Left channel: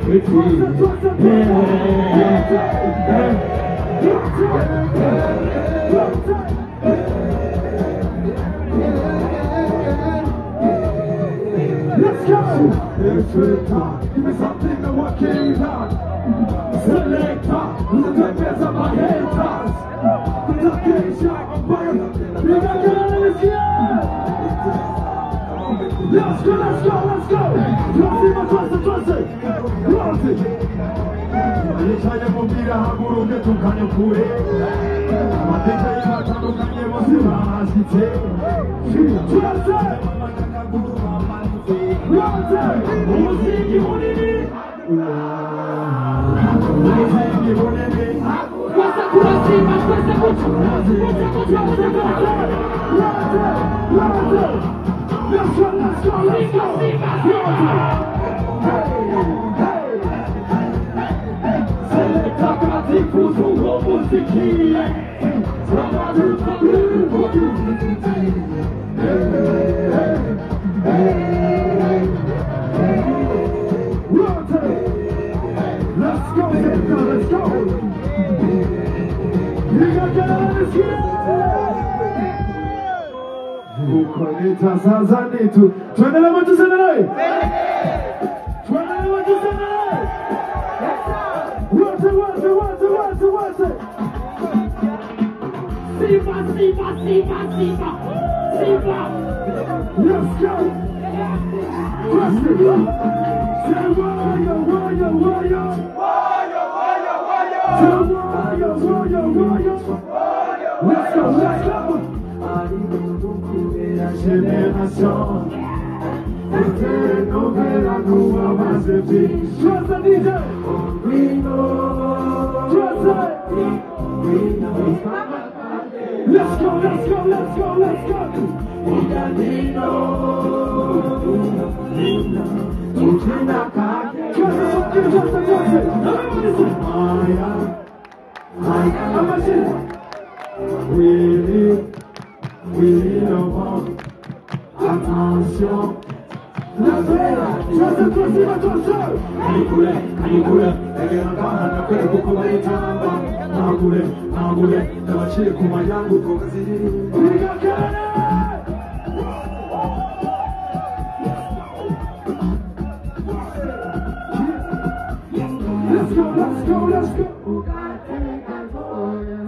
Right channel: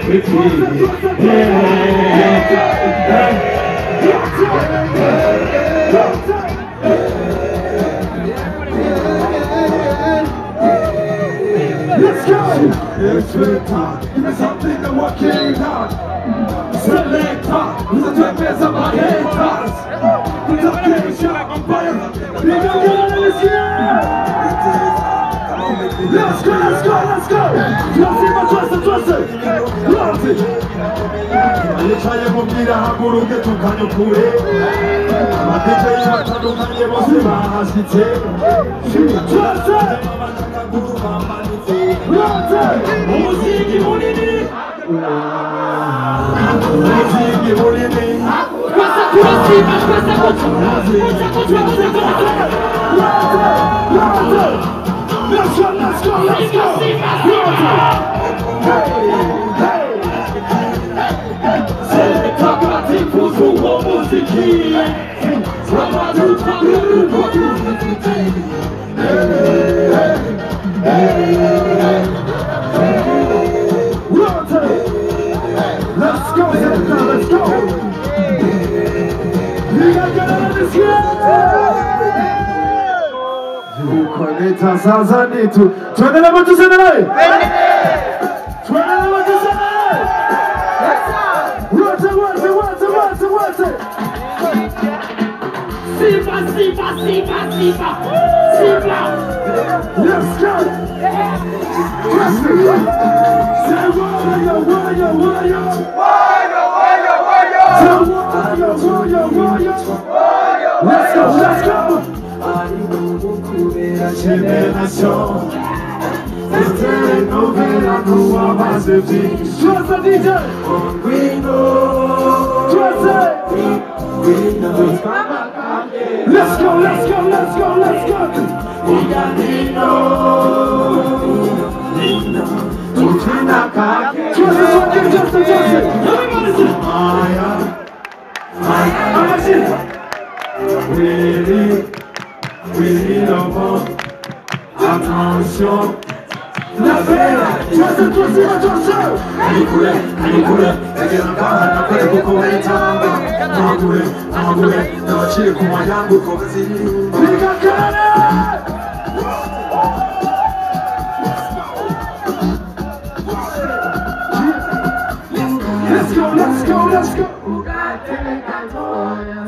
Let's go! It's time. Give me something to work it out. Selector, who's the twin best of my haters? Put up the shot on fire. Big up the let's go, let's go, let's go! Trust it, trust it! Trust it! Alichaye mubwira haguruke tukanyukure. Amateka y'abatandukanye bose bahashyitse. Trust it! Umuziki munini umuziki munini kwasa kurasima kwasa let's go let's go let's go selekta katifuzu wa muziki Samadu let's go, let's go. We got this year. You connect us as I need to. Turn it over to Senai. Turn it over to Senai. Watch it. Sipa. Let's go. Say warrior. Let's go. Génération, c'était nouvelle à nous à base de vie. Toi ça DJ, let's go. Really don't want attention. La belle, attention. Kirikou, Egera kare kuko waitanga. Nagure, nochire kuma yangu kovaziri. Mika kare. Let's go.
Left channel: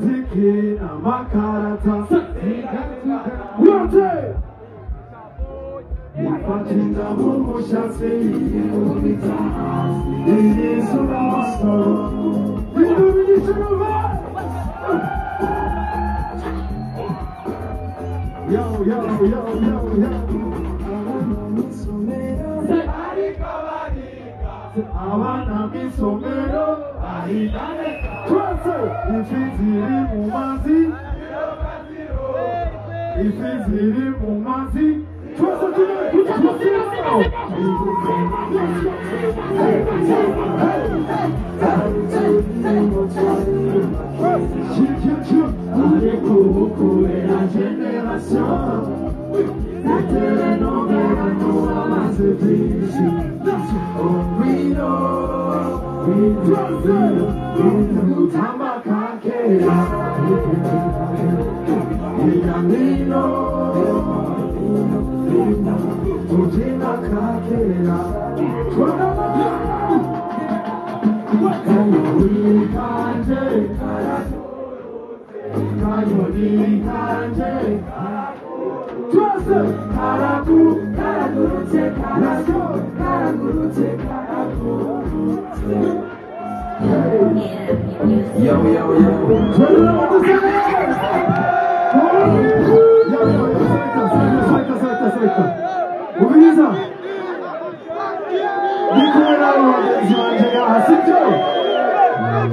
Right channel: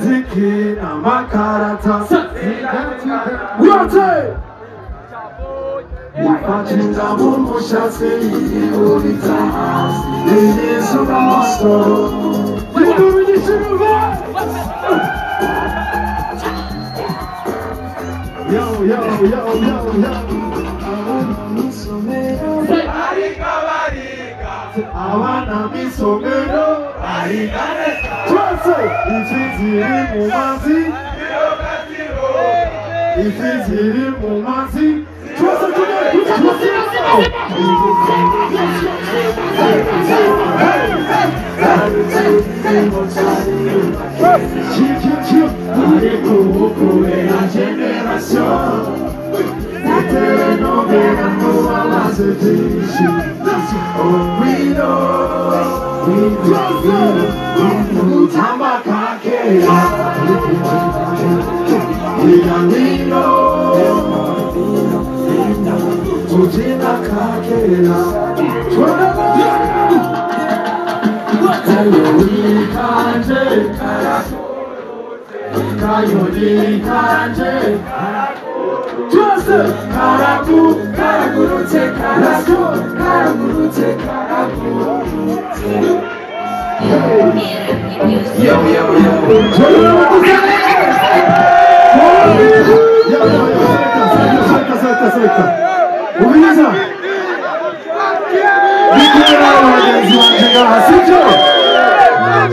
Zikina makarata. Rote! Ipatinda mungu shase iulita. Yesu na masto. Yo. Barika. Awana misomero. Barika. Rote! Ifiziri mumazi. Ifiziri mumazi. Trust it today. Kirikou est la génération. C'était nouvelle à nous à la Basajije. Oh, we know. Tamakake. We know. Ujina kakera. Kayodikanje. Karagurutse. Yo. Selekta. Ubiza.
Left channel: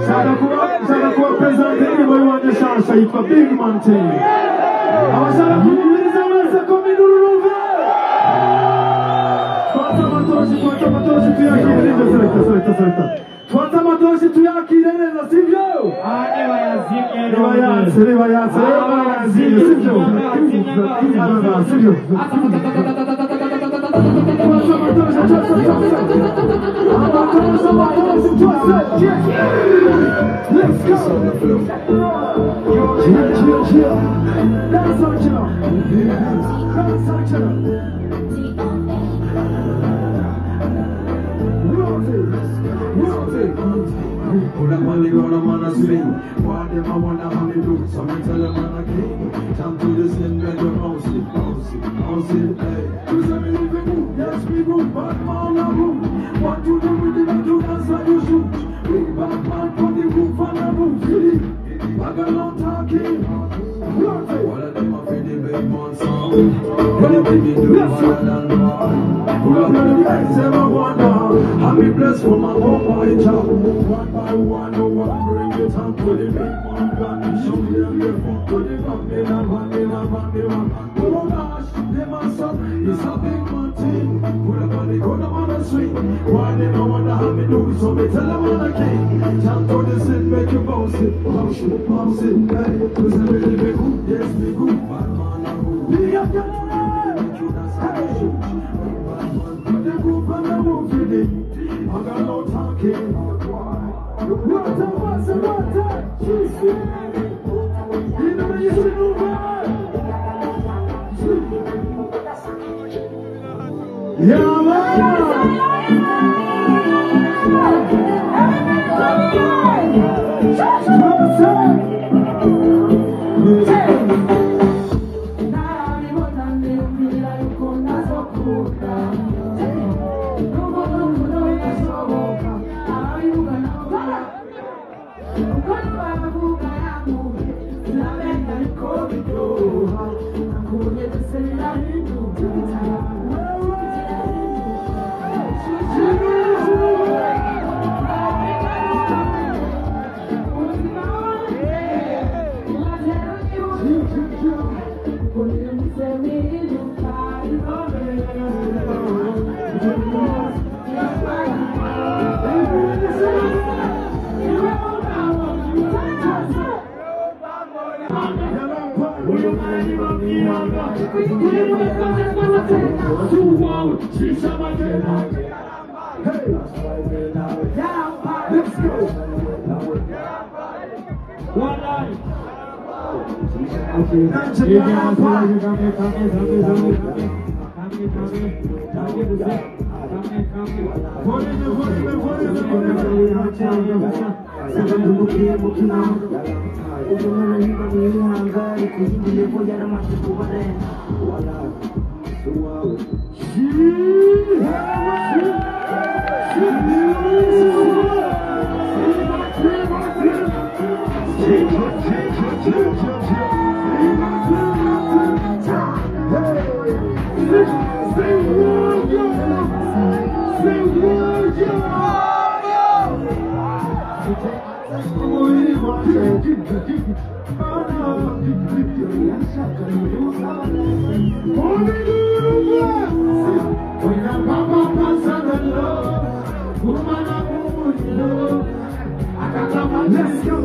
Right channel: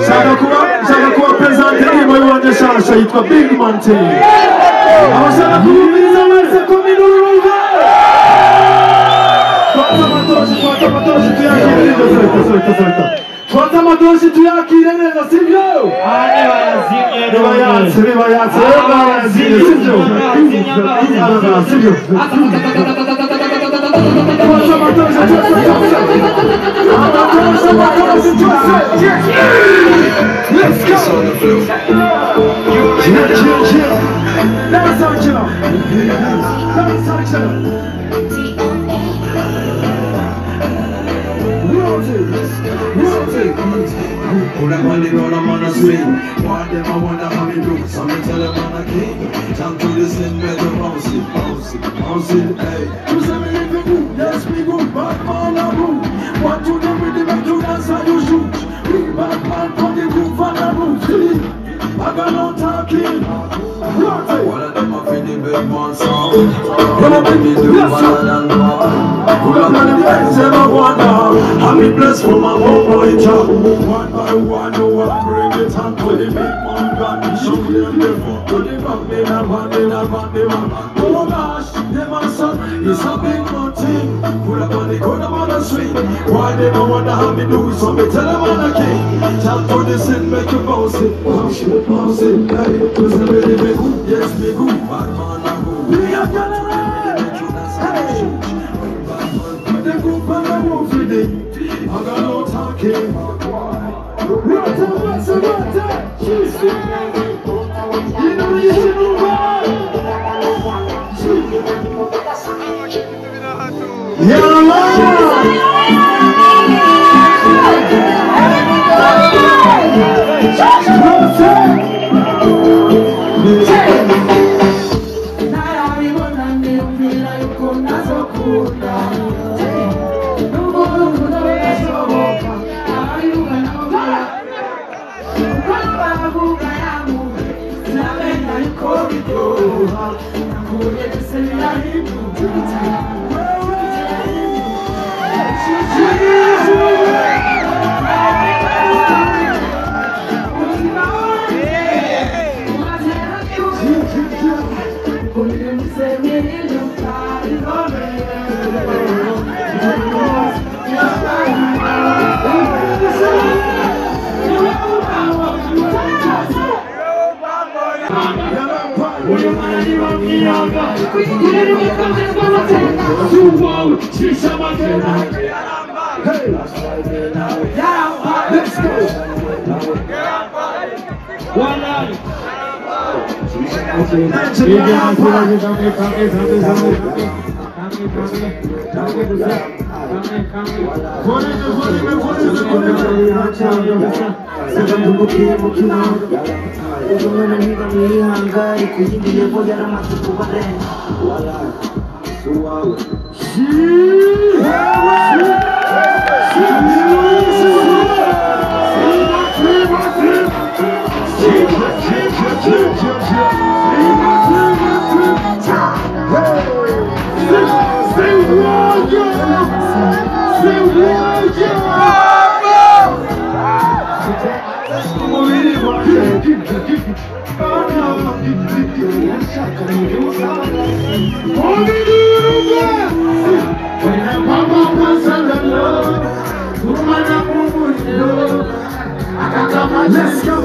Shaka kuwa presente nyimbo y'uwanyeshasha yitwa Big Mountain. Abashaka kubumiza wese kuminuruva. Twata matoshi tuyakire neza sivyo? Nibayatse. Let's go. On the floor. That's how you know. That's how you know. Put up on the road, I'm on a swing. One day I wonder how we do. Some tell them I'm a king. Time to listen, better bounce it, bounce it, bounce it, hey. You say me live in yes we go, bad man a room. What you do with the back to dance how you shoot. We bad man from the roof and the roof. I got no talking. One of them are feeling big man song. When I make me do one and one. Pull up on the ends and I wonder. I'm blessed for my home boy job. One by one, no one bring it on to the big man. Got me shoot them the foot to the back. They not want, they not want, they want. Oh gosh, them a son, it's a big man thing. Pull up on the corner on the street. Why they don't wonder how me do it? So me tell them I'm a king. Tell for the sin, make you bounce it. Bounce it, bounce it, hey. Cause I'm really big, yes me good. Bad man a good. We are gonna make you dance and shoot. The group and the wolf with it. I got no talking. Rata, rata, rata. She's you know you should move on. Yeah, let's go. One night. Let's go.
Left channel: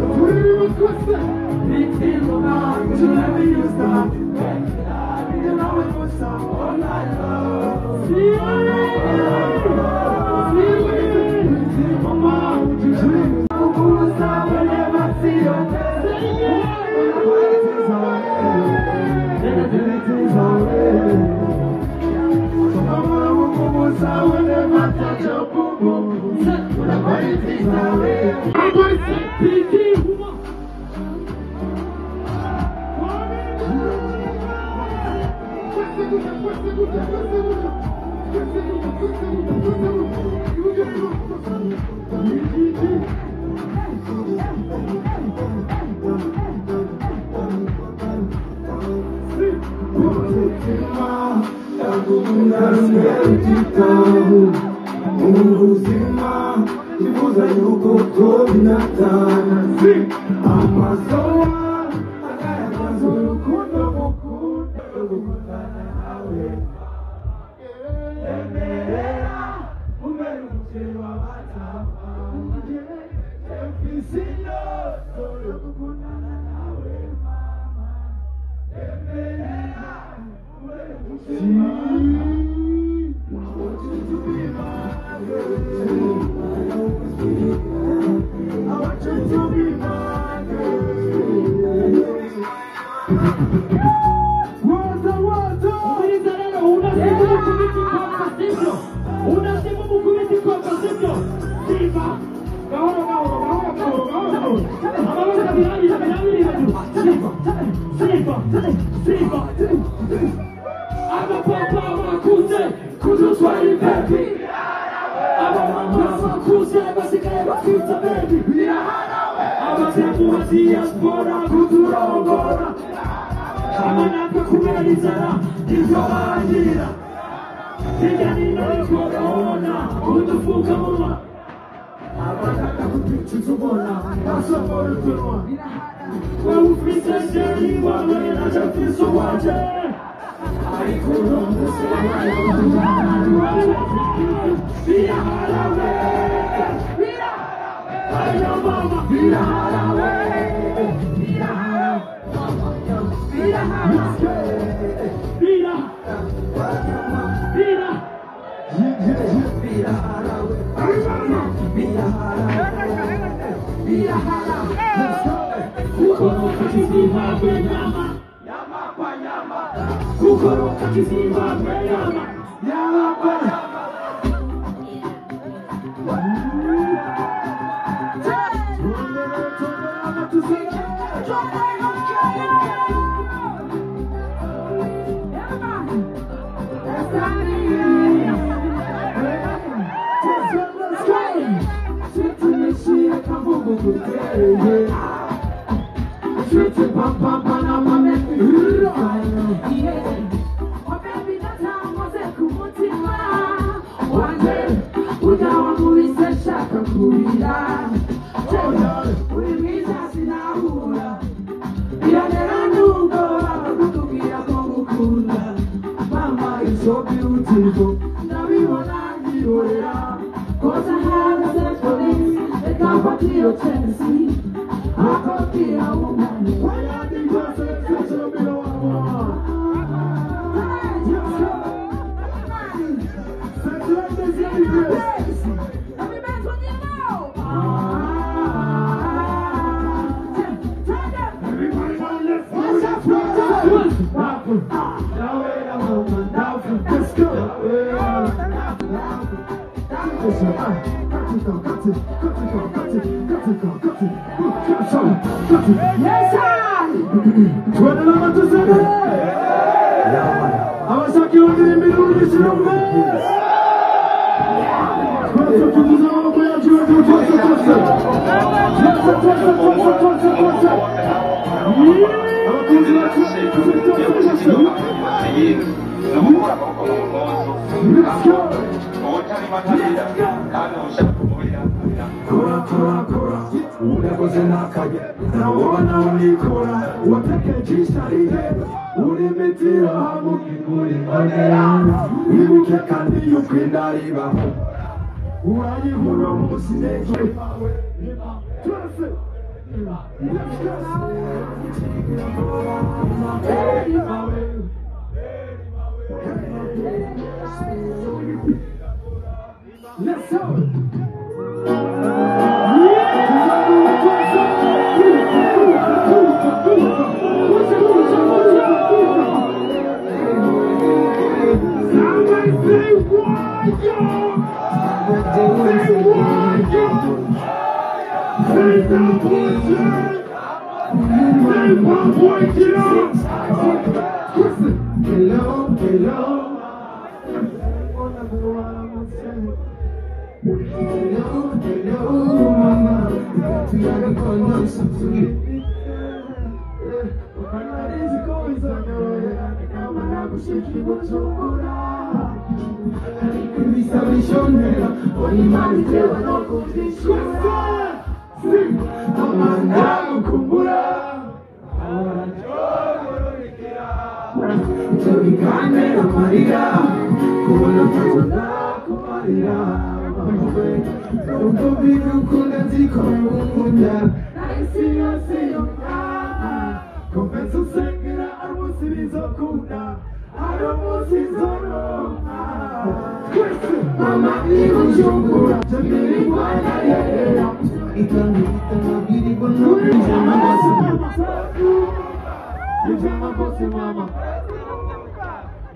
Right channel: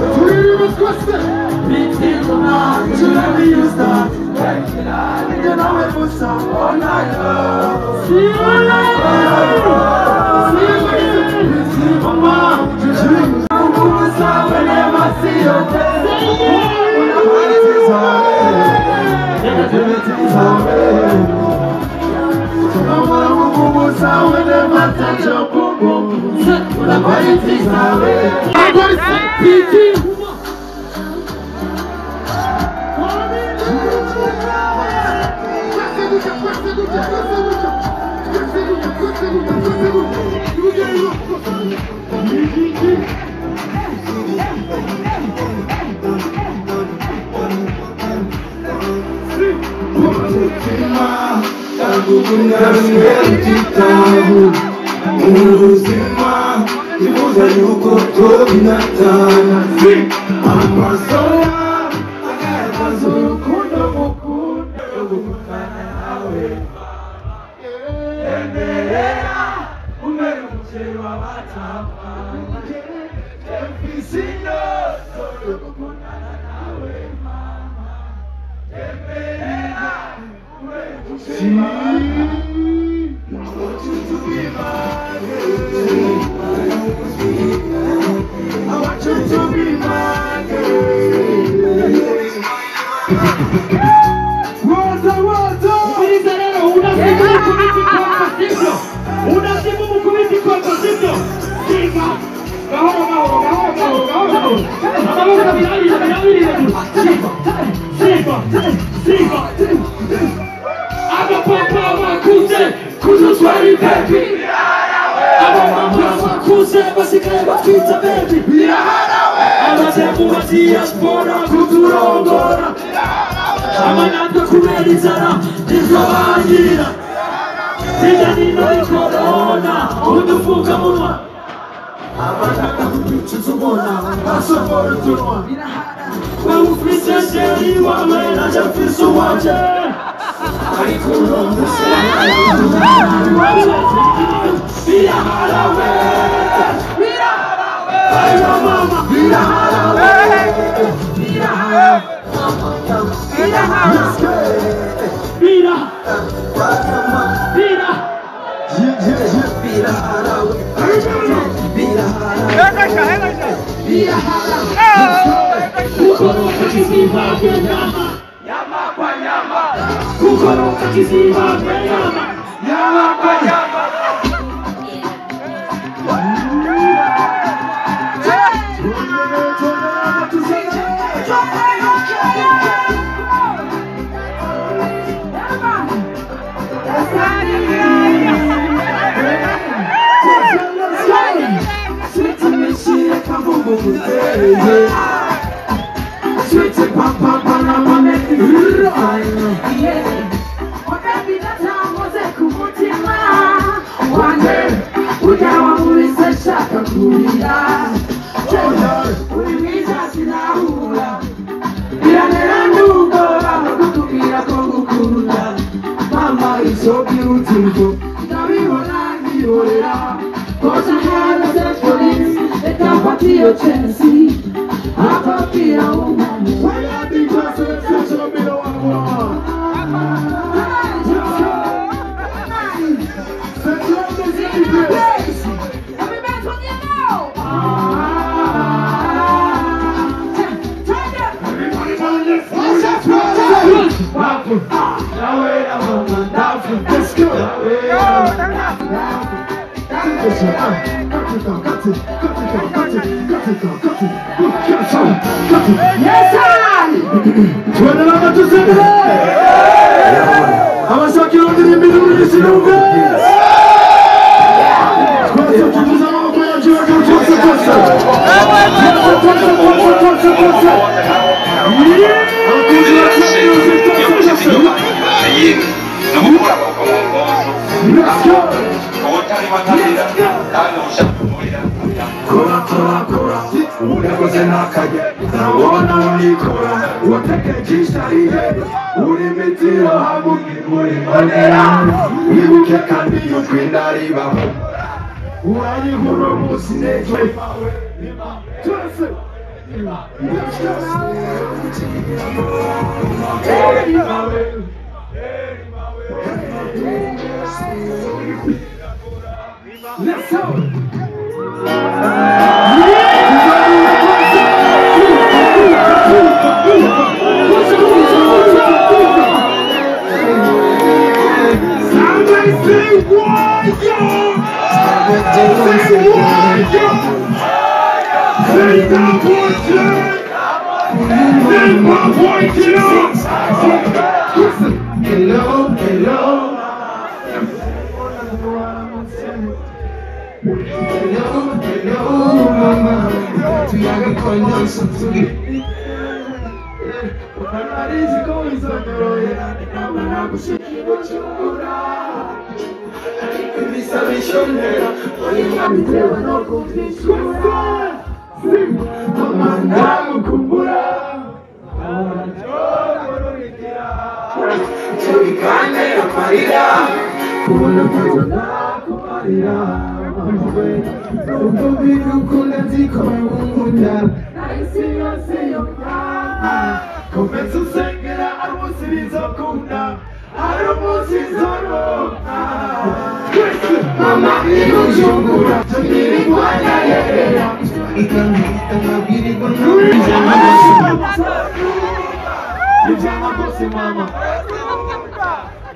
Ijana gose mama.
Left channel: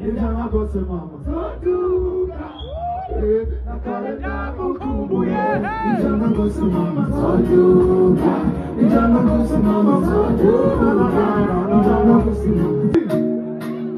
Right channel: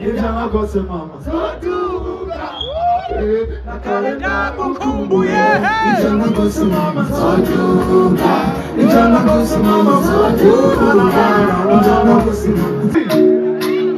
Ijana gose mama. Zoduka. Nakalenda kukumbuye. Ijana gose mama. Zoduka. Ijana gose mama. Zoduka. Ijana gose mama.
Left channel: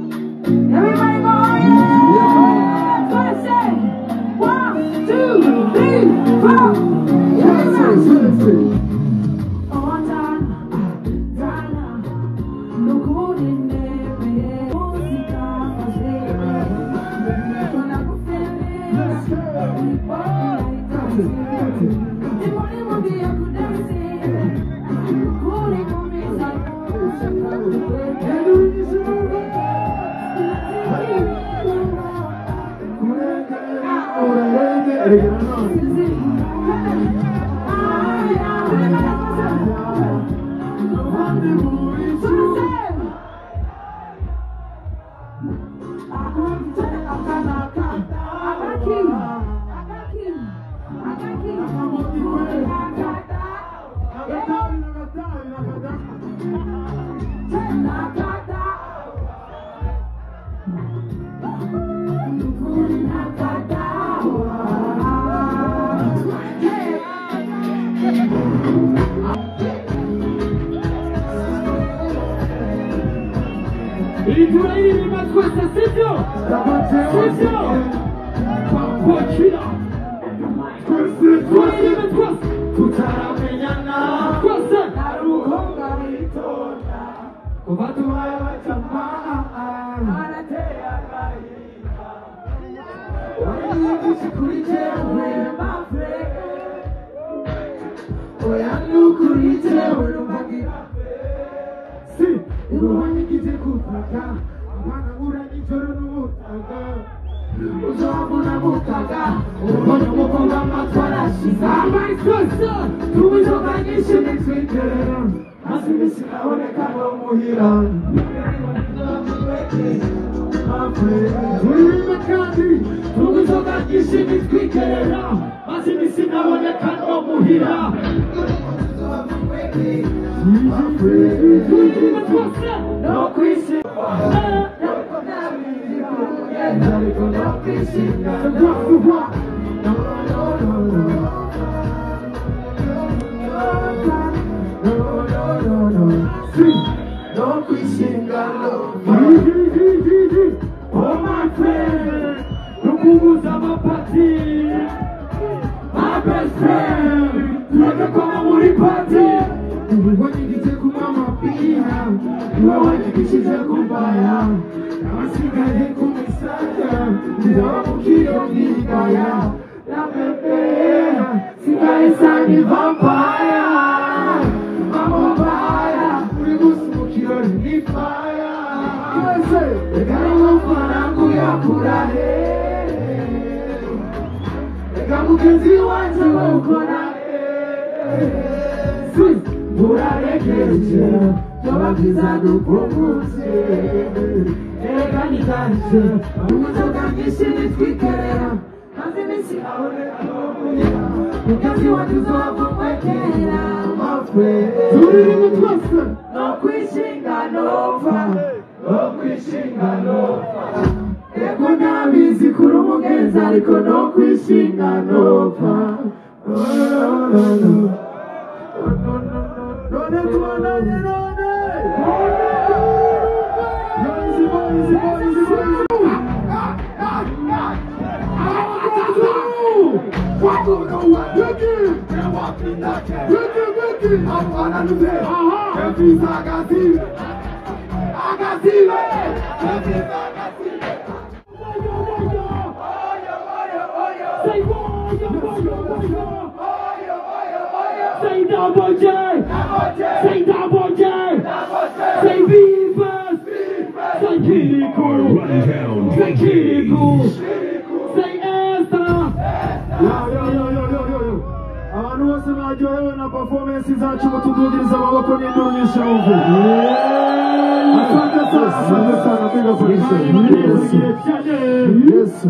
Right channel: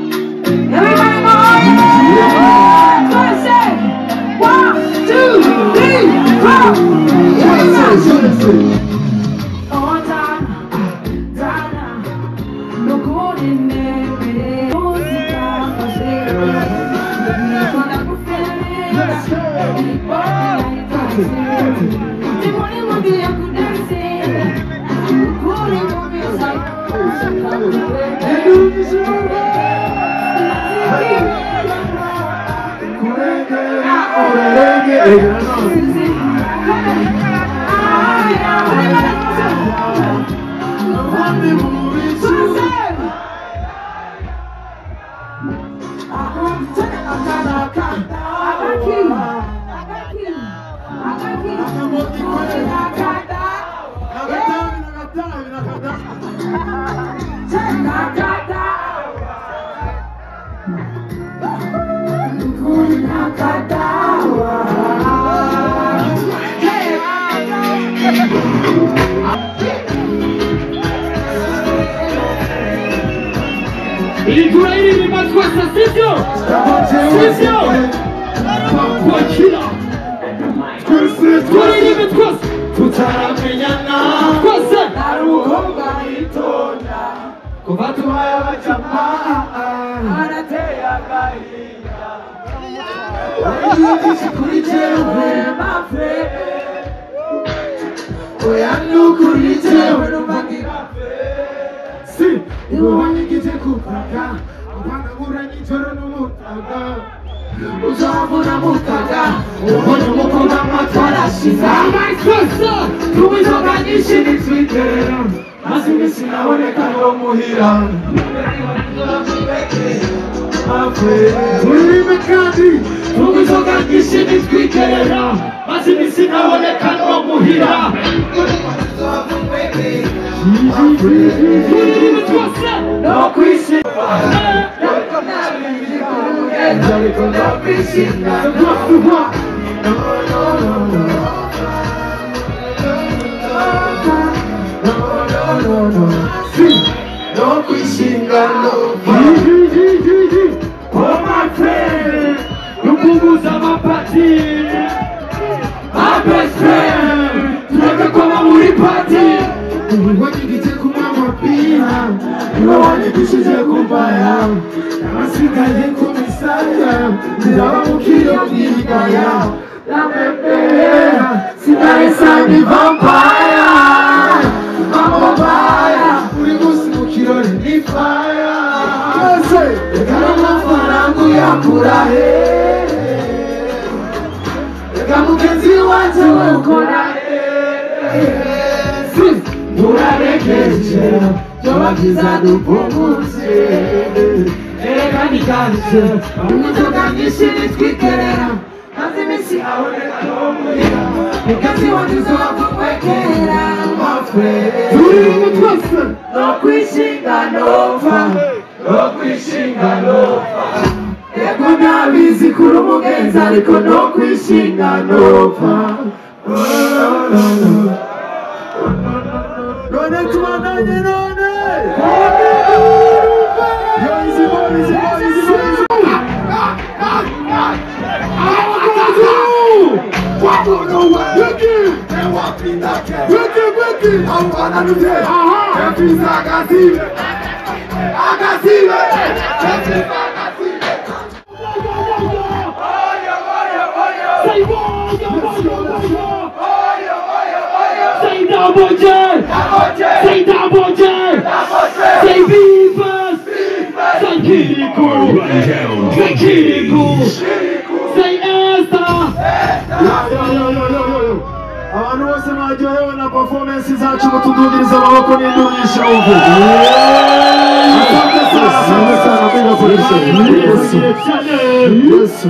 Kirikou, say Esther. Abantu bose mwaryohewe na performance zacu mutudugiriza amaboko n'indunyisha ubu. Asante sana. Yes.